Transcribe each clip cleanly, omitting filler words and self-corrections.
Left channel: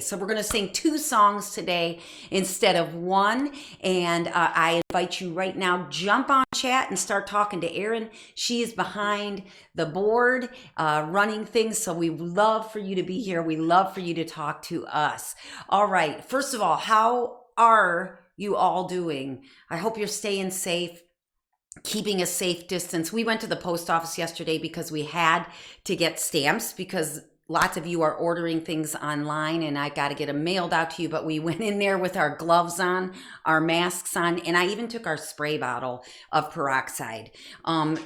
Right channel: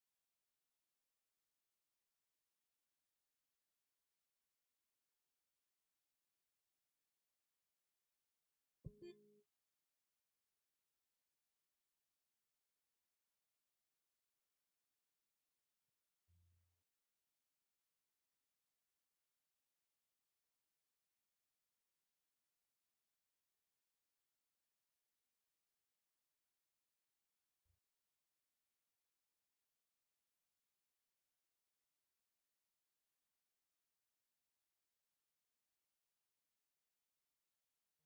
So we're going to sing 2 songs today instead of 1. And I invite you right now, jump on chat and start talking to Erin. She is behind the board running things. So we love for you to be here. We love for you to talk to us. All right. First of all, how are you all doing? I hope you're staying safe, keeping a safe distance. We went to the post office yesterday because we had to get stamps because lots of you are ordering things online and I got to get them mailed out to you. But we went in there with our gloves on, our masks on, and I even took our spray bottle of peroxide.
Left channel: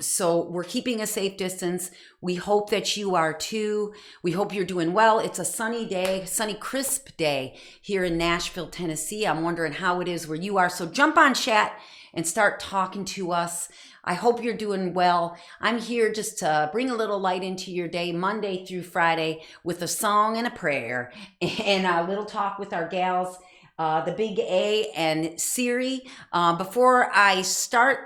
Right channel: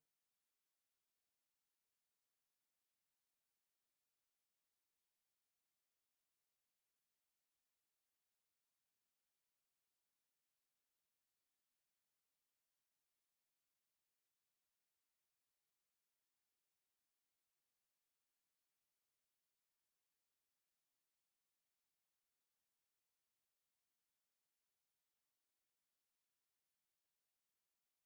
So we're keeping a safe distance. We hope that you are too. We hope you're doing well. It's a sunny day, sunny, crisp day here in Nashville, Tennessee. I'm wondering how it is where you are. So jump on chat and start talking to us. I hope you're doing well. I'm here just to bring a little light into your day, Monday through Friday, with a song and a prayer and a little talk with our gals, the Big A and Siri. Before I start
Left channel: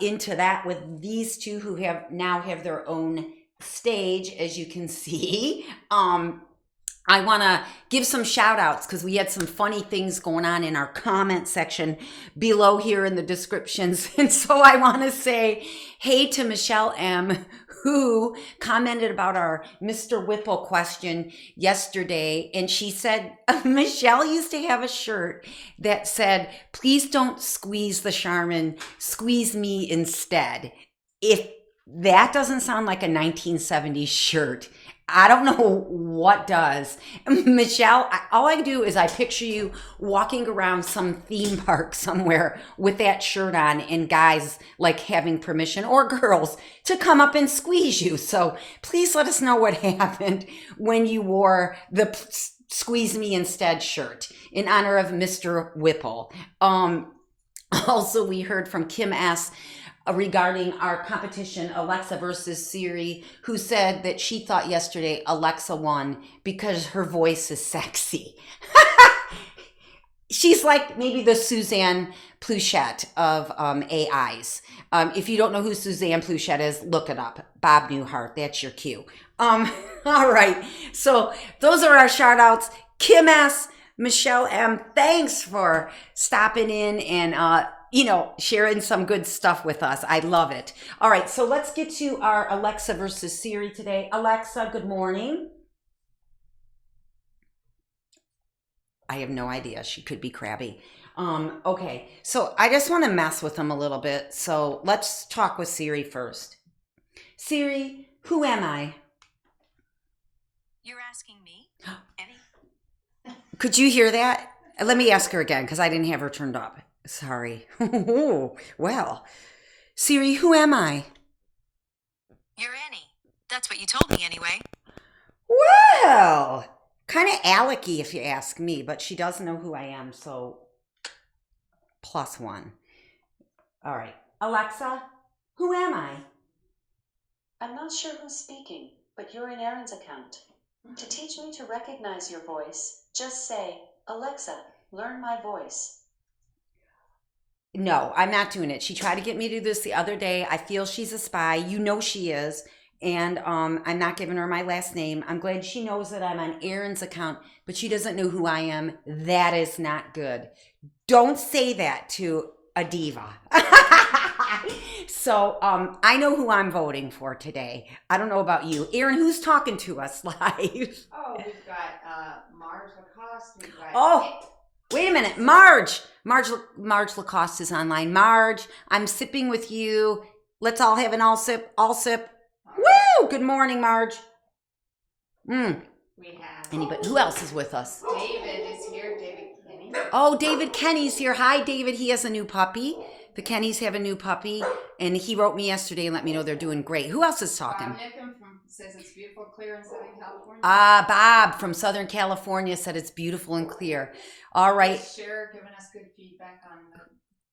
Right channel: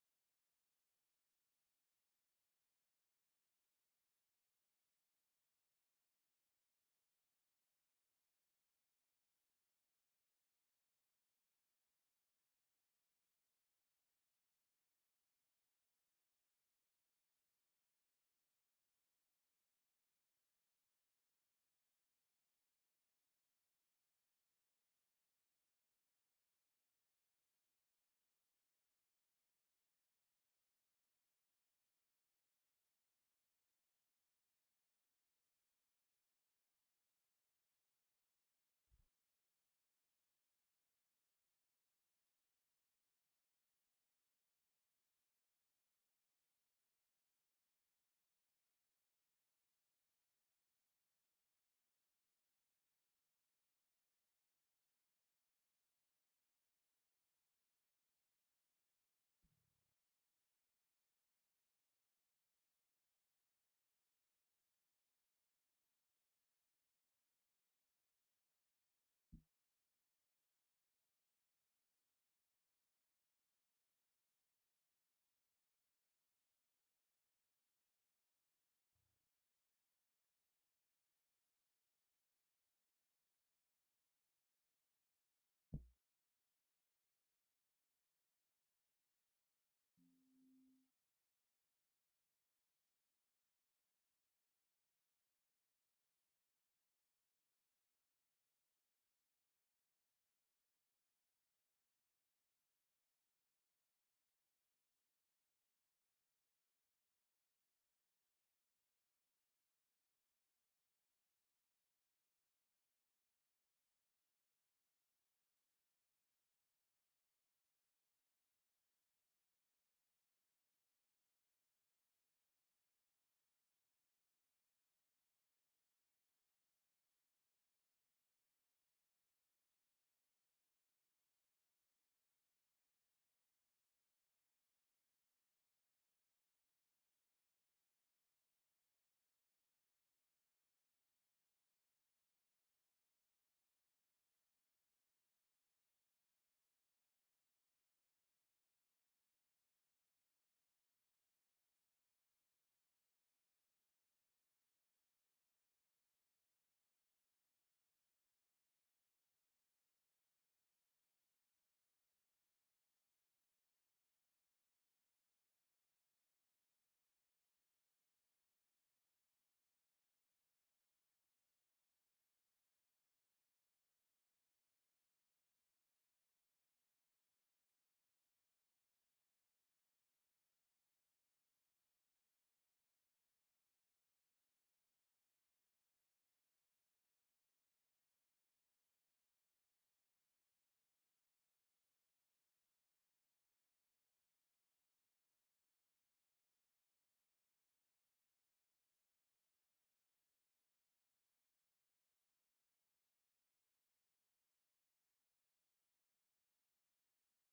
into that with these two who now have their own stage, as you can see, I want to give some shout outs because we had some funny things going on in our comment section below here in the descriptions. And so I want to say hey to Michelle M, who commented about our Mr. Whipple question yesterday. And she said, Michelle used to have a shirt that said, please don't squeeze the Charmin, squeeze me instead. If that doesn't sound like a 1970s shirt, I don't know what does. Michelle, all I do is I picture you walking around some theme park somewhere with that shirt on and guys like having permission, or girls, to come up and squeeze you. So please let us know what happened when you wore the squeeze me instead shirt in honor of Mr. Whipple. Also, we heard from Kim S. Regarding our competition, Alexa versus Siri, who said that she thought yesterday Alexa won because her voice is sexy. She's like maybe the Suzanne Pleshette of AIs. If you don't know who Suzanne Pleshette is, look it up. Bob Newhart, that's your cue. All right, so those are our shout outs. Kim S., Michelle M., thanks for stopping in and sharing some good stuff with us. I love it. All right, so let's get to our Alexa versus Siri today. Alexa, good morning. I have no idea. She could be crabby. Okay, so I just want to mess with them a little bit. So let's talk with Siri first. Siri, who am I? You're asking me? Any? Could you hear that? Let me ask her again because I didn't have her turned up. Sorry. Well, Siri, who am I? You're Annie. That's what you told me anyway. Well, kind of Alecky if you ask me, but she does know who I am, so +1. All right. Alexa, who am I? I'm not sure who's speaking, but you're in Erin's account. To teach me to recognize your voice, just say, Alexa, learn my voice. No, I'm not doing it. She tried to get me to do this the other day. I feel she's a spy. You know she is. And I'm not giving her my last name. I'm glad she knows that I'm on Erin's account, but she doesn't know who I am. That is not good. Don't say that to a diva. So I know who I'm voting for today. I don't know about you. Erin, who's talking to us live? Oh, we've got Marge Lacoste. We've got... Oh, wait a minute. Marge Lacoste is online. Marge, I'm sipping with you. Let's all have an all sip. Woo! Good morning, Marge. We have... Anybody? Who else is with us? David is here. David Kenny. Oh, David Kenny's here. Hi, David. He has a new puppy. The Kennys have a new puppy, and he wrote me yesterday and let me know they're doing great. Who else is talking? Bob says it's beautiful, clear in Southern California. Bob from Southern California said it's beautiful and clear. All right. Sure, giving us good feedback on the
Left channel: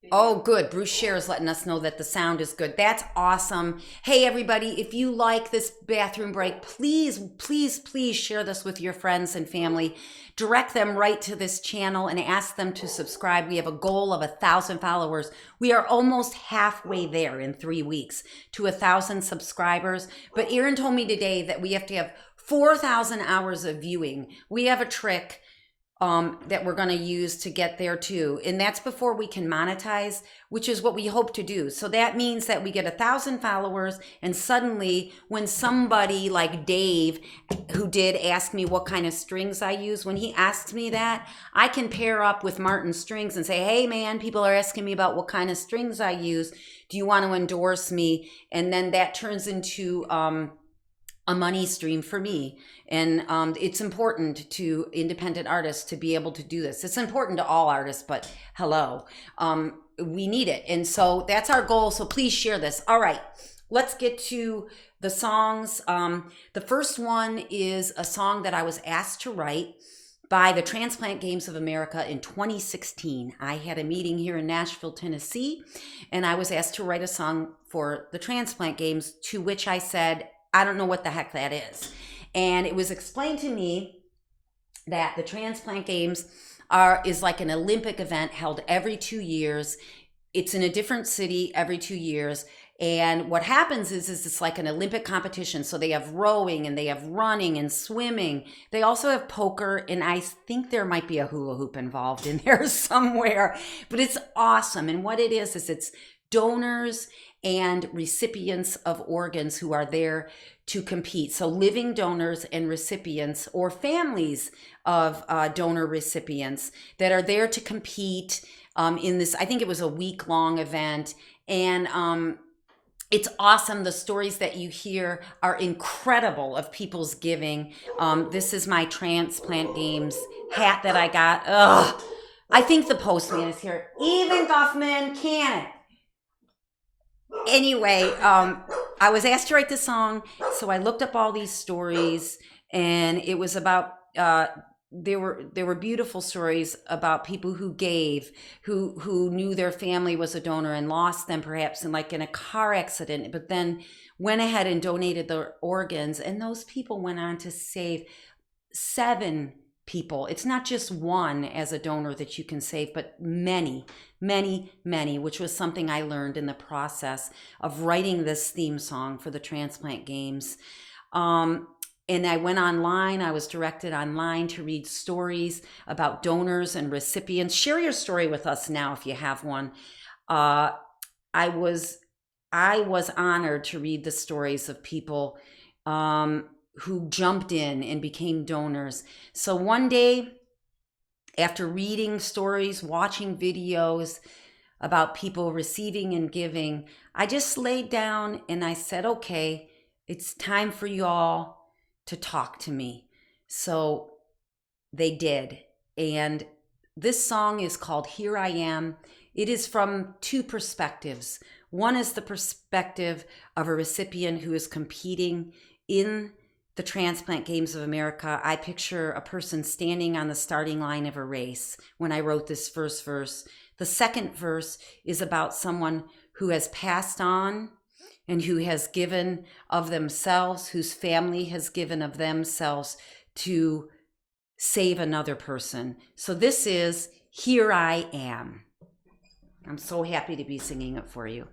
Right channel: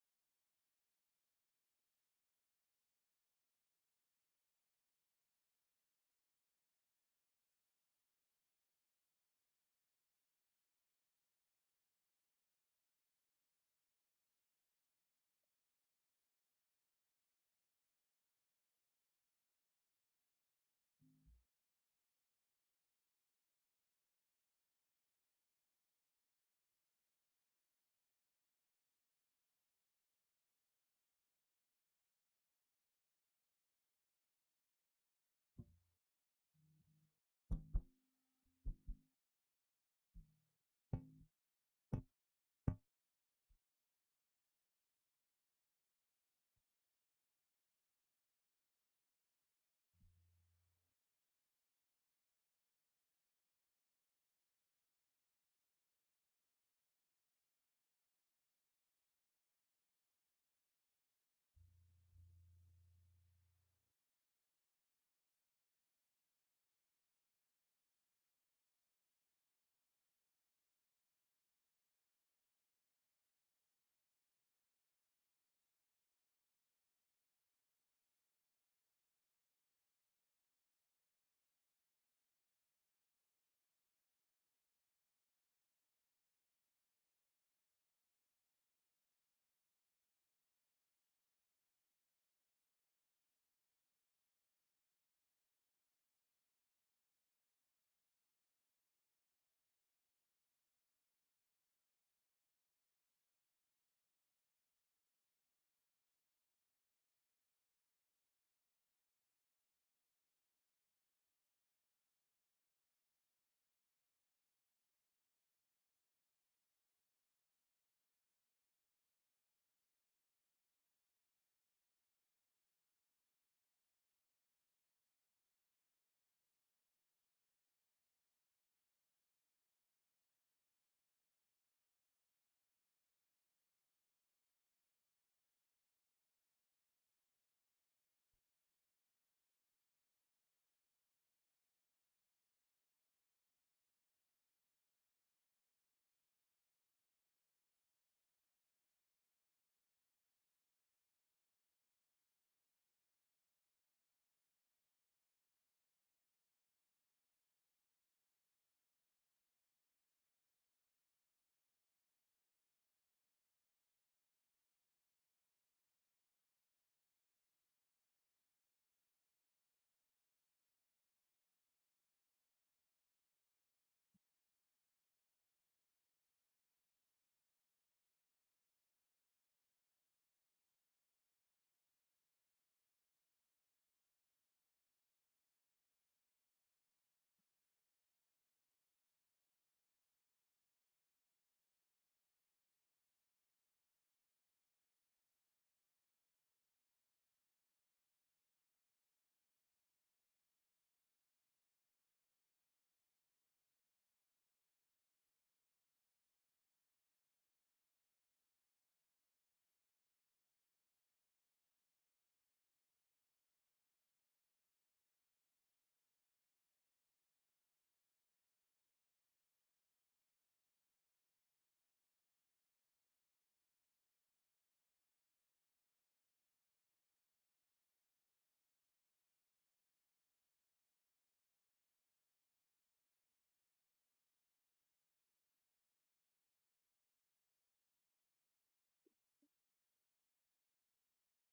video. Oh, good. Bruce Scher is letting us know that the sound is good. That's awesome. Hey, everybody, if you like this bathroom break, please, please, please share this with your friends and family. Direct them right to this channel and ask them to subscribe. We have a goal of 1,000 followers. We are almost halfway there in 3 weeks to 1,000 subscribers. But Erin told me today that we have to have 4,000 hours of viewing. We have a trick that we're going to use to get there too. And that's before we can monetize, which is what we hope to do. So that means that we get 1,000 followers, and suddenly when somebody like Dave, who did ask me what kind of strings I use, when he asks me that, I can pair up with Martin Strings and say, hey man, people are asking me about what kind of strings I use. Do you want to endorse me? And then that turns into a money stream for me. And it's important to independent artists to be able to do this. It's important to all artists, but hello, we need it. And so that's our goal. So please share this. All right, let's get to the songs. The first one is a song that I was asked to write by the Transplant Games of America in 2016. I had a meeting here in Nashville, Tennessee, and I was asked to write a song for the Transplant Games, to which I said, I don't know what the heck that is. And it was explained to me that the Transplant Games is like an Olympic event held every 2 years. It's in a different city every 2 years. And what happens is it's like an Olympic competition. So they have rowing and they have running and swimming. They also have poker, and I think there might be a hula hoop involved in there somewhere. But it's awesome. And what it is it's donors and recipients of organs who are there to compete. So living donors and recipients, or families of donor recipients that are there to compete in this, I think it was a week-long event. And it's awesome. The stories that you hear are incredible of people's giving. This is my Transplant Games hat that I got. Ugh. I think the postman is here. Even Guffman, can it? Anyway, I was asked to write this song, so I looked up all these stories, and it was about there were beautiful stories about people who gave, who knew their family was a donor and lost them perhaps in a car accident, but then went ahead and donated their organs, and those people went on to save 7 people. It's not just one as a donor that you can save, but many, which was something I learned in the process of writing this theme song for the Transplant Games. And I went online, I was directed online to read stories about donors and recipients. Share your story with us now if you have one. I was honored to read the stories of people who jumped in and became donors. So one day, after reading stories, watching videos about people receiving and giving, I just laid down and I said, okay, it's time for you all to talk to me. So they did. And this song is called Here I Am. It is from 2 perspectives. One is the perspective of a recipient who is competing in the Transplant Games of America. I picture a person standing on the starting line of a race when I wrote this first verse. The second verse is about someone who has passed on and who has given of themselves, whose family has given of themselves to save another person. So this is Here I Am. I'm so happy to be singing it for you.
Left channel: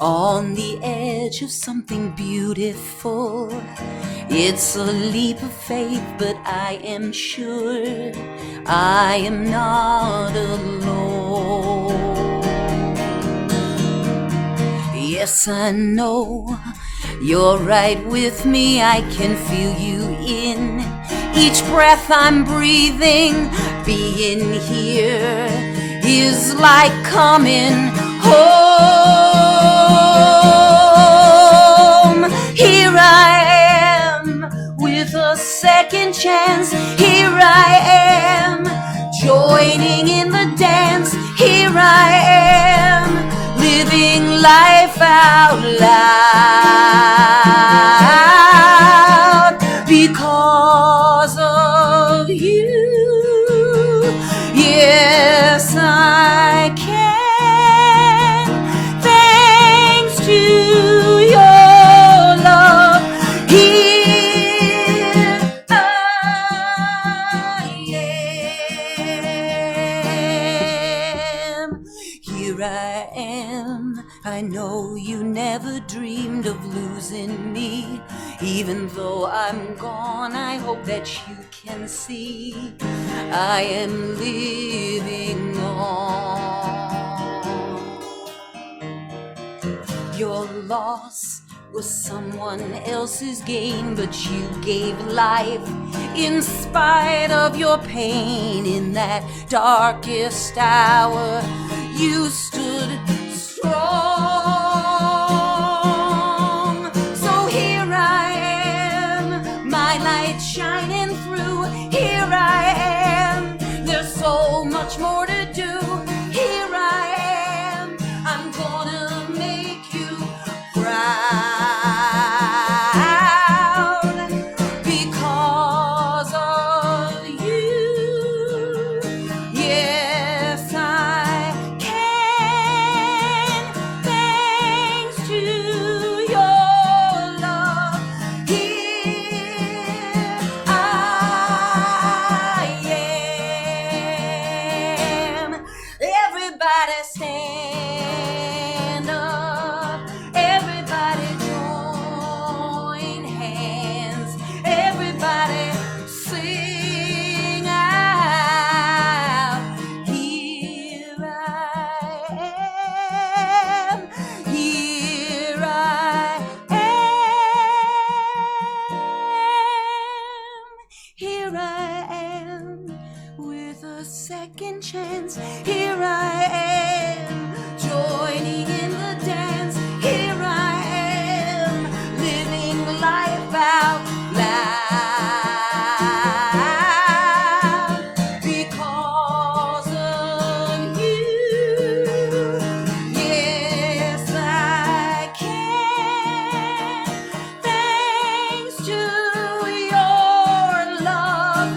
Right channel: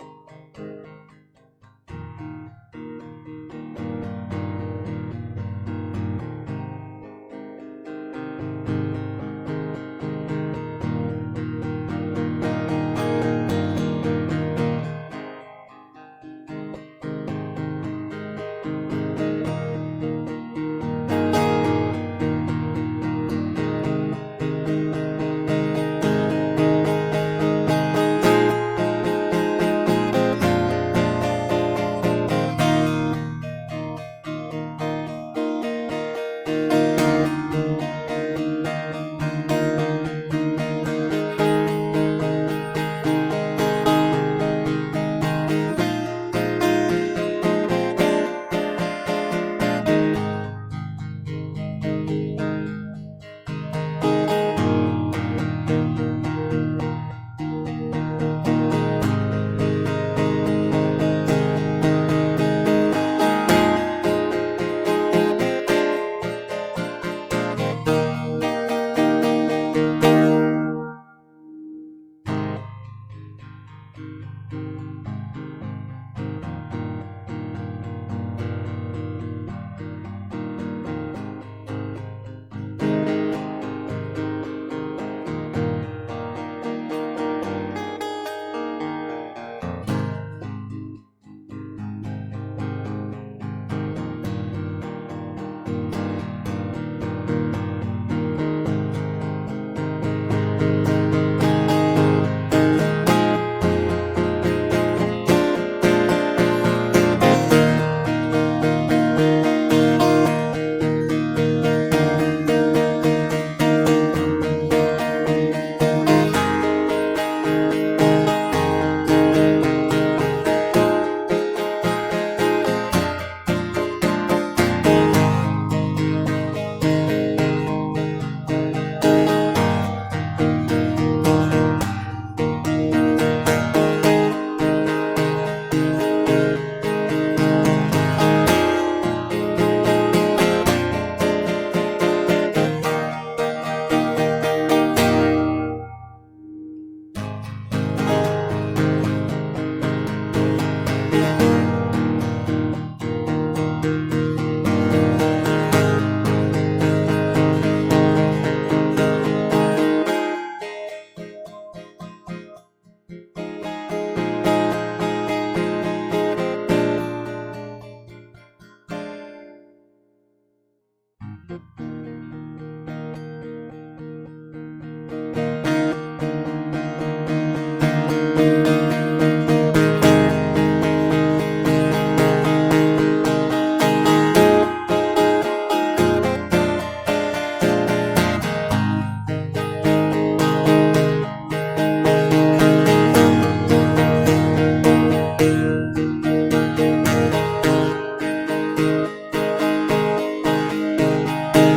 On the edge of something beautiful. It's a leap of faith, but I am sure I am not alone. Yes, I know you're right with me. I can feel you in each breath I'm breathing. Being here is like coming home. Here I am with a second chance. Here I am joining in the dance. Here I am living life out loud because of you. Yes, I can. you never dreamed of losing me. Even though I'm gone, I hope that you can see I am living on. Your loss was someone else's gain, but you gave life in spite of your pain. In that darkest hour, you stood strong. So here I am, my light shining through. Here I am, there's so much more to do. Here I am, I'm gonna make you proud because of you. Yes, I can, thanks to your love. Here I am. Everybody stand up. Everybody join hands. Everybody sing out. Here I am. Here I am. Here I am with a second chance. Here I am joining in the dance. Here I am living life out loud because of you. Yes, I can, thanks to your love.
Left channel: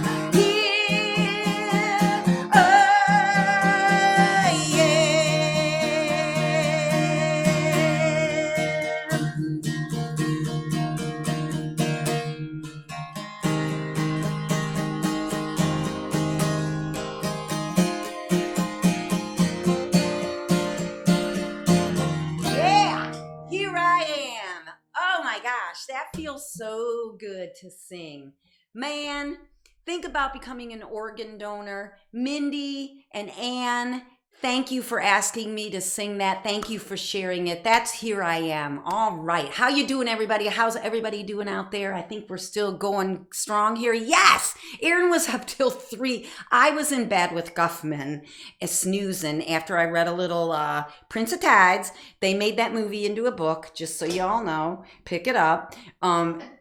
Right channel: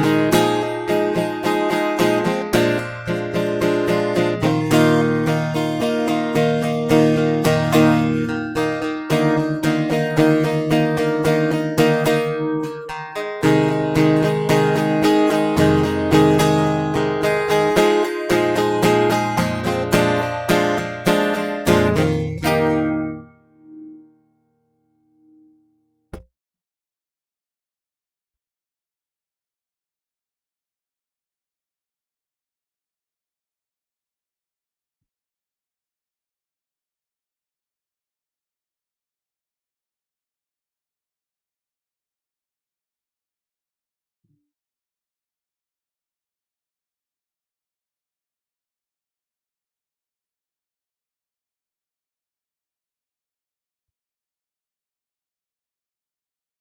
Yeah, here I am. Oh my gosh, that feels so good to sing. Man, think about becoming an organ donor. Mindy and Anne, thank you for asking me to sing that. Thank you for sharing it. That's Here I Am. All right. How you doing, everybody? How's everybody doing out there? I think we're still going strong here. Yes! Aaron was up till 3. I was in bed with Guffman, snoozing after I read a little Prince of Tides. They made that movie into a book, just so y'all know. Pick it up.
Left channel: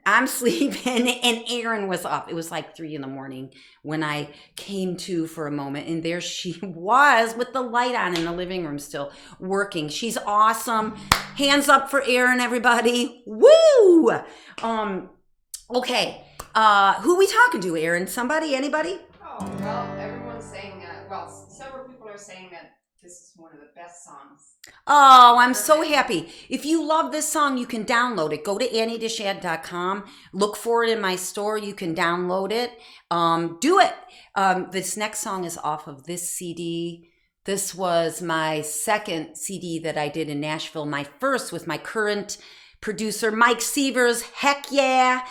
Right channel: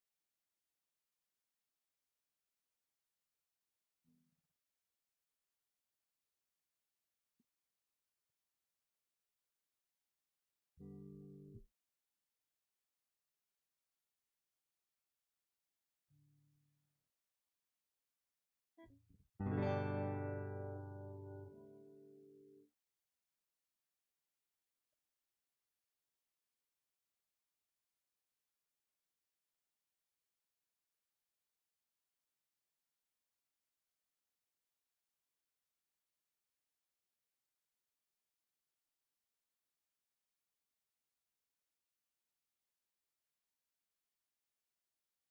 I'm sleeping, and Aaron was up. It was like 3 in the morning when I came to for a moment, and there she was with the light on in the living room still working. She's awesome. Hands up for Aaron, everybody. Woo! Okay. Who we talking to, Aaron? Somebody? Anybody? Oh, well, everyone's saying, several people are saying that this is one of the best songs. Oh, I'm so happy. If you love this song, you can download it. Go to AnnieDeChant.com. Look for it in my store. You can download it. Do it. This next song is off of this CD. This was my second CD that I did in Nashville. My first with my current producer, Mike Sievers. Heck yeah.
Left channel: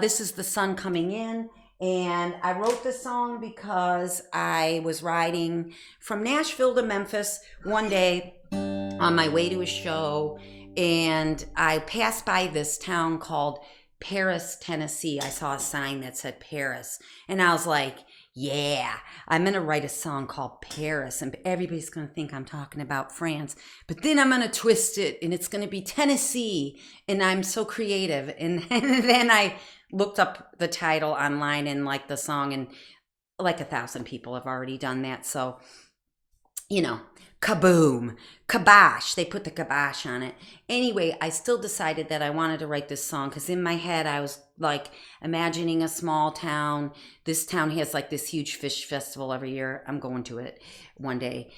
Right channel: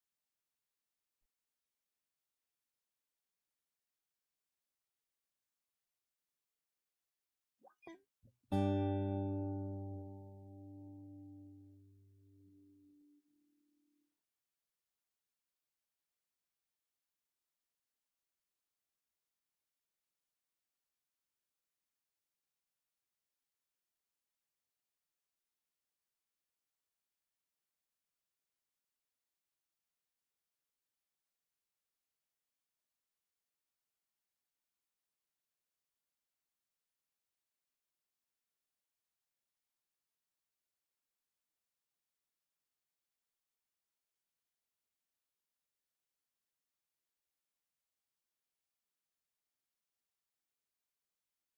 This is The Sun Coming In. And I wrote this song because I was riding from Nashville to Memphis one day on my way to a show, and I passed by this town called Paris, Tennessee. I saw a sign that said Paris, and I was like, yeah, I'm going to write a song called Paris, and everybody's going to think I'm talking about France, but then I'm going to twist it, and it's going to be Tennessee, and I'm so creative. And then I looked up the title online and like the song, and like 1,000 people have already done that. So, you know, kaboom, kibosh. They put the kibosh on it. Anyway, I still decided that I wanted to write this song because in my head I was like imagining a small town. This town has like this huge fish festival every year. I'm going to it one day.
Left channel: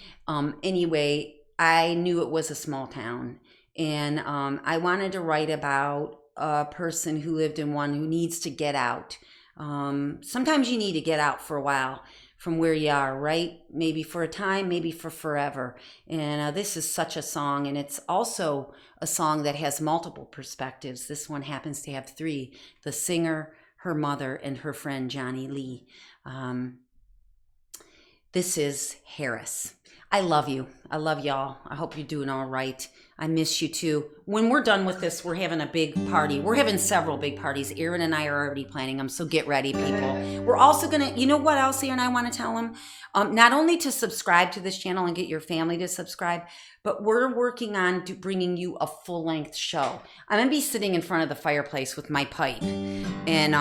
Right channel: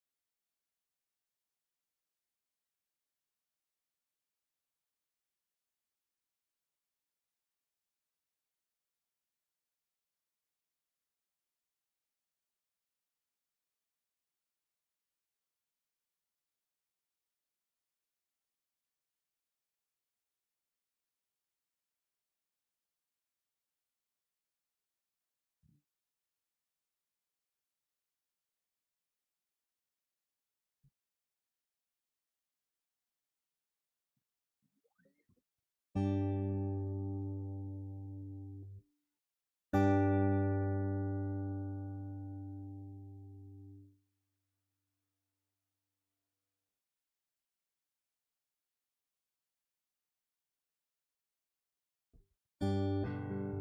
Anyway, I knew it was a small town, and I wanted to write about a person who lived in one who needs to get out. Sometimes you need to get out for a while, from where you are, right? Maybe for a time, maybe for forever. And this is such a song, and it's also a song that has multiple perspectives. This one happens to have three: the singer, her mother, and her friend Johnny Lee. This is Harris. I love you. I love y'all. I hope you're doing all right. I miss you too. When we're done with this, we're having a big party. We're having several big parties. Aaron and I are already planning them, so get ready, people. We're also going to, you know what else Aaron and I want to tell them? Not only to subscribe to this channel and get your family to subscribe, but we're working on bringing you a full-length show. I'm going to be sitting in front of the fireplace with my pipe and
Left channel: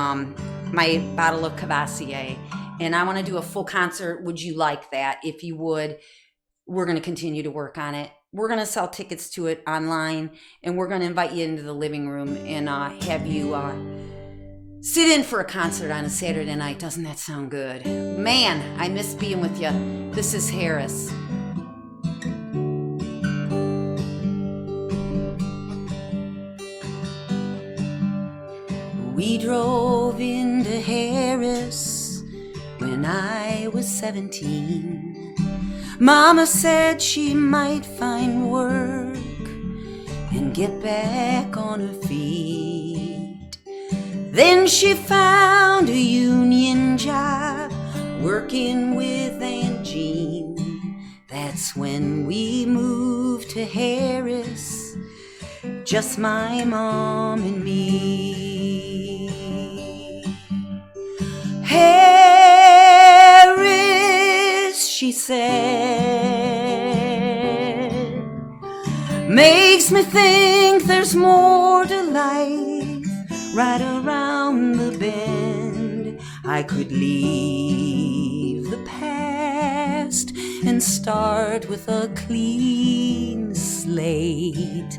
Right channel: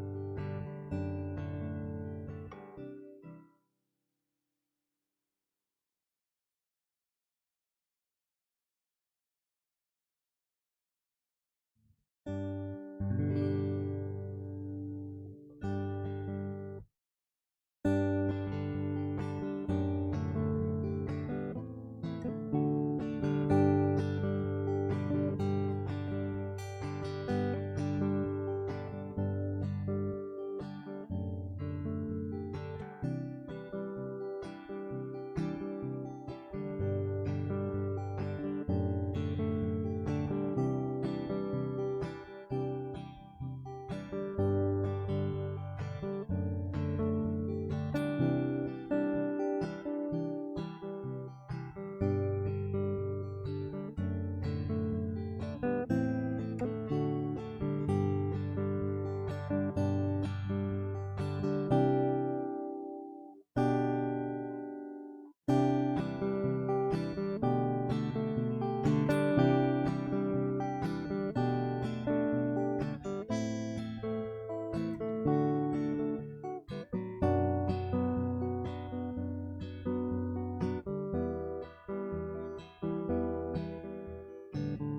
my bottle of Cavassier, and I want to do a full concert. Would you like that? If you would, we're going to continue to work on it. We're going to sell tickets to it online, and we're going to invite you into the living room and have you sit in for a concert on a Saturday night. Doesn't that sound good? Man, I miss being with you. This is Harris. We drove into Harris when I was 17. Mama said she might find work and get back on her feet. Then she found a union job working with Aunt Jean. That's when we moved to Harris, just my mom and me. Harris, she said, makes me think there's more to life right around the bend. I could leave the past and start with a clean slate.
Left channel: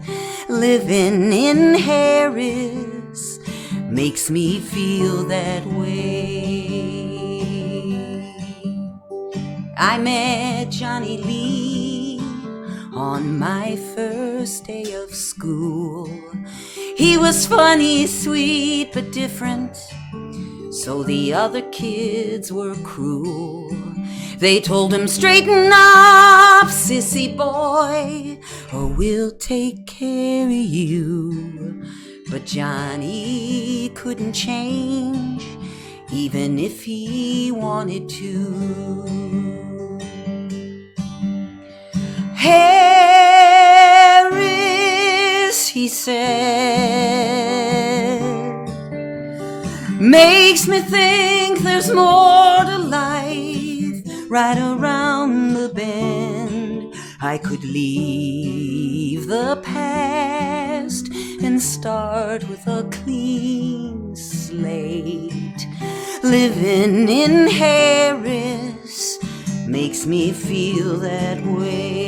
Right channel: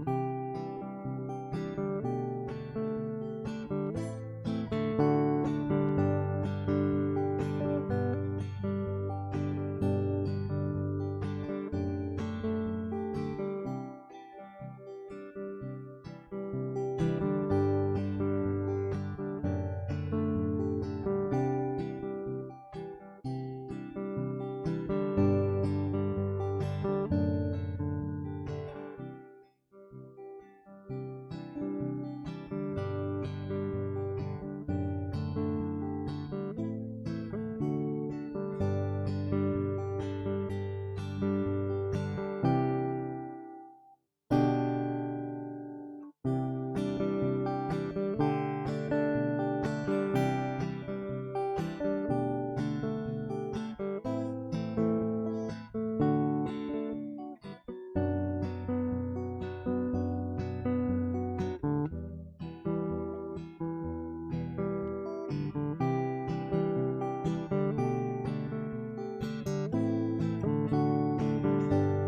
Living in Harris makes me feel that way. I met Johnny Lee on my first day of school. He was funny, sweet, but different, so the other kids were cruel. They told him, straighten up, sissy boy, or we'll take care of you. But Johnny couldn't change, even if he wanted to. Harris, he said, makes me think there's more to life right around the bend. I could leave the past and start with a clean slate. Living in Harris makes me feel that way.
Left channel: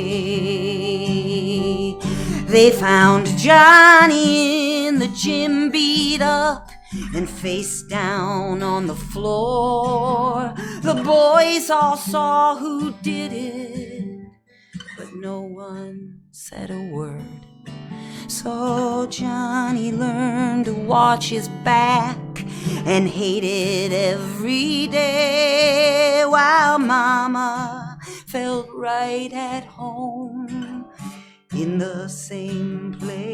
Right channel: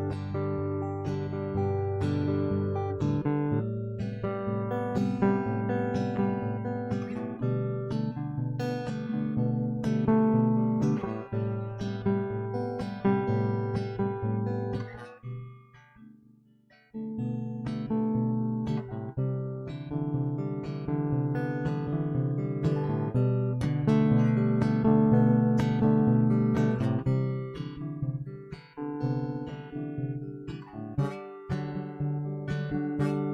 They found Johnny in the gym, beat up and face down on the floor. The boys all saw who did it, but no one said a word. So Johnny learned to watch his back and hate it every day, while Mama felt right at home in the same place.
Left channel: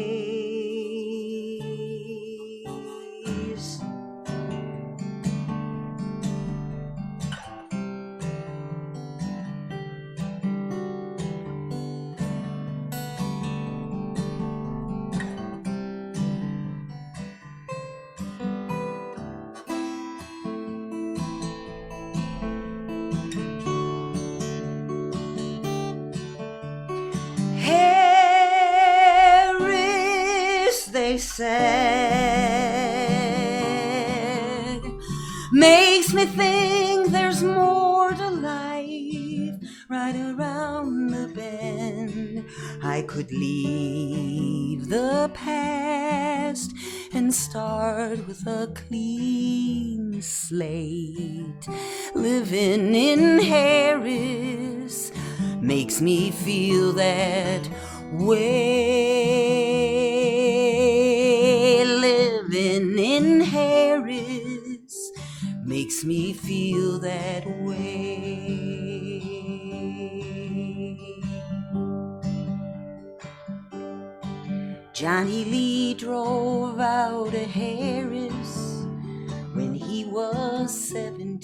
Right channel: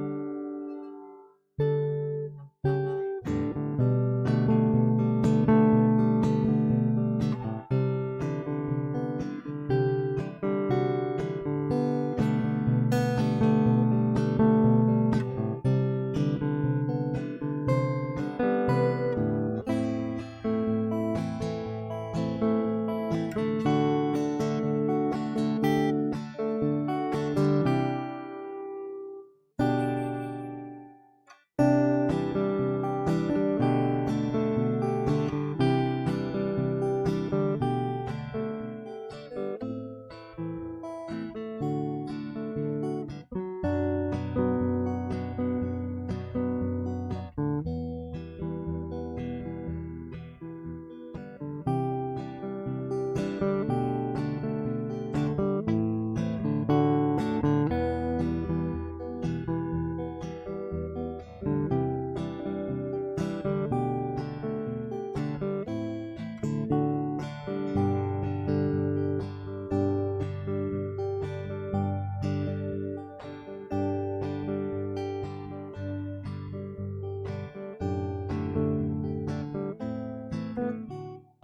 They said, makes me think there's more to life right around the bend. I could leave the past and start with a clean slate. Living in Harris makes me feel that way. Living in Harris makes me feel that way. Johnny Lee drove out of Harris when he was 17.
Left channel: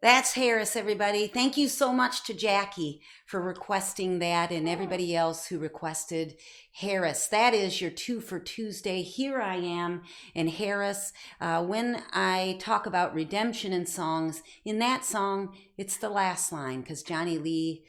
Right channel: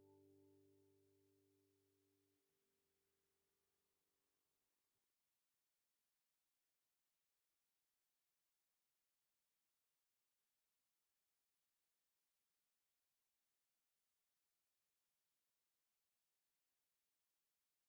That's Harris, everybody. Thank you so much to Jackie for requesting that, and everybody else who requested Harris. That is your 2 for Tuesday. Here I am in Harris. When I talk about redemption in songs, in that song, it's the last line because Johnny Lee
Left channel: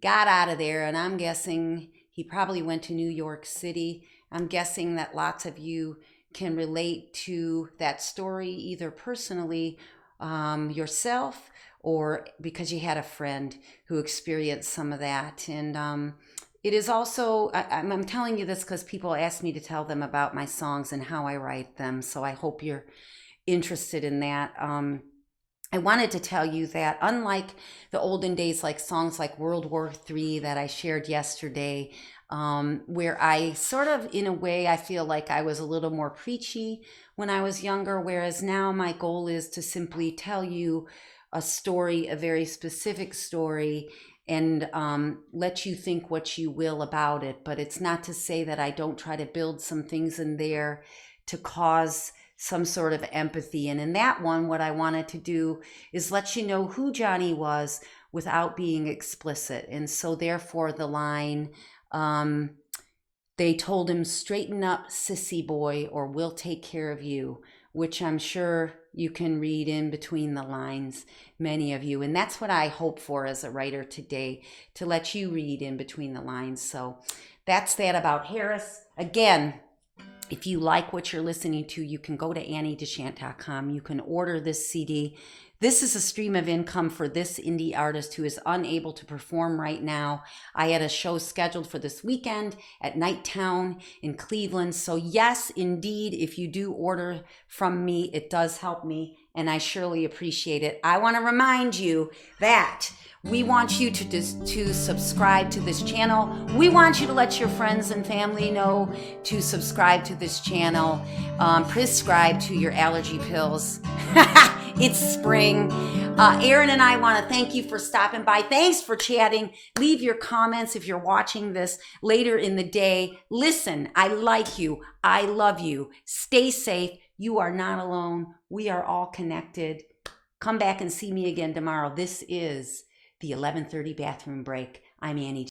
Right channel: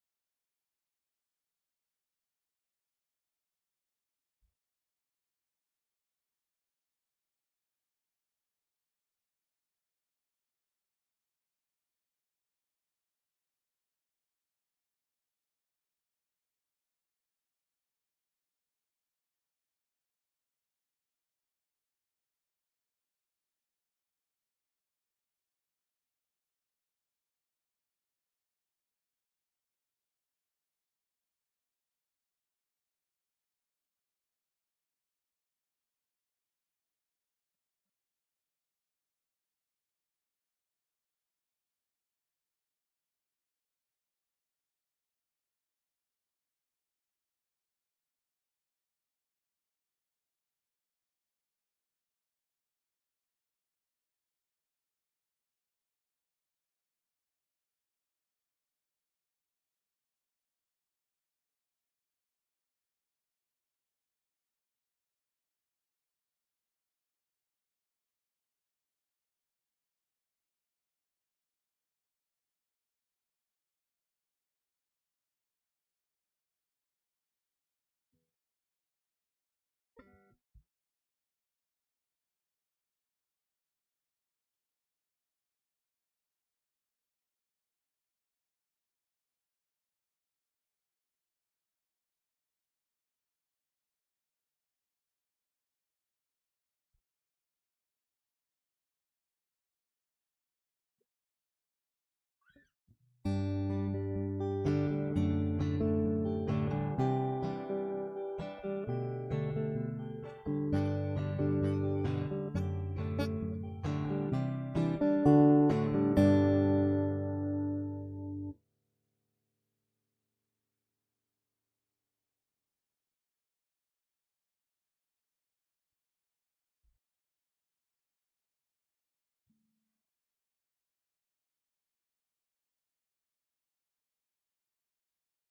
got out of there, and I'm guessing he probably went to New York City. I'm guessing that lots of you can relate to that story, either personally yourself or because you had a friend who experienced some of that. And it is also, I'm telling you this because people ask me to tell them about my songs and how I write them. So I hope you're interested in that. I wanted to tell you that unlike the olden days, like songs like World War III that I shared yesterday, where I sort of, in a way, I feel like I was a little more preachy when I was younger, whereas now my goal is to simply tell you a story, a very specific story, and let you think what you will about it. But it's not to say that I don't try to build some things in there to cause some sort of empathy. And in that one, what I wanted to do is let you know who Johnny was without being explicit. And so therefore the line, they told him, straighten up, sissy boy, or we'll take care of you, which I'm sure you can read in between the lines, many of you. And that's what I hope for as a writer today, to let you read in between the lines. So that's that about Harris. Again, if you like what you're listening to, you can go to AnnieDeChant.com. You can order this CD. This is a stream of income for this indie artist who is unable to perform right now. I had a show scheduled for this weekend at Nighttown in Cleveland. So yes, indeed, if you do order from me, it does help me, and I surely appreciate it. I want to remind you that we want you to subscribe to this channel. We want you to let your friends and family know to subscribe to this channel. Prescribe to your allergy pills. It's spring. Aaron and I want to thank you for stopping by. Thanks for chatting. Leave your comments if you're watching this later in the day. Listen, I like you. I love you. Stay safe. You are not alone. We are all connected. Come back and see me again tomorrow. This is the 11:30 bathroom break. I'm Annie.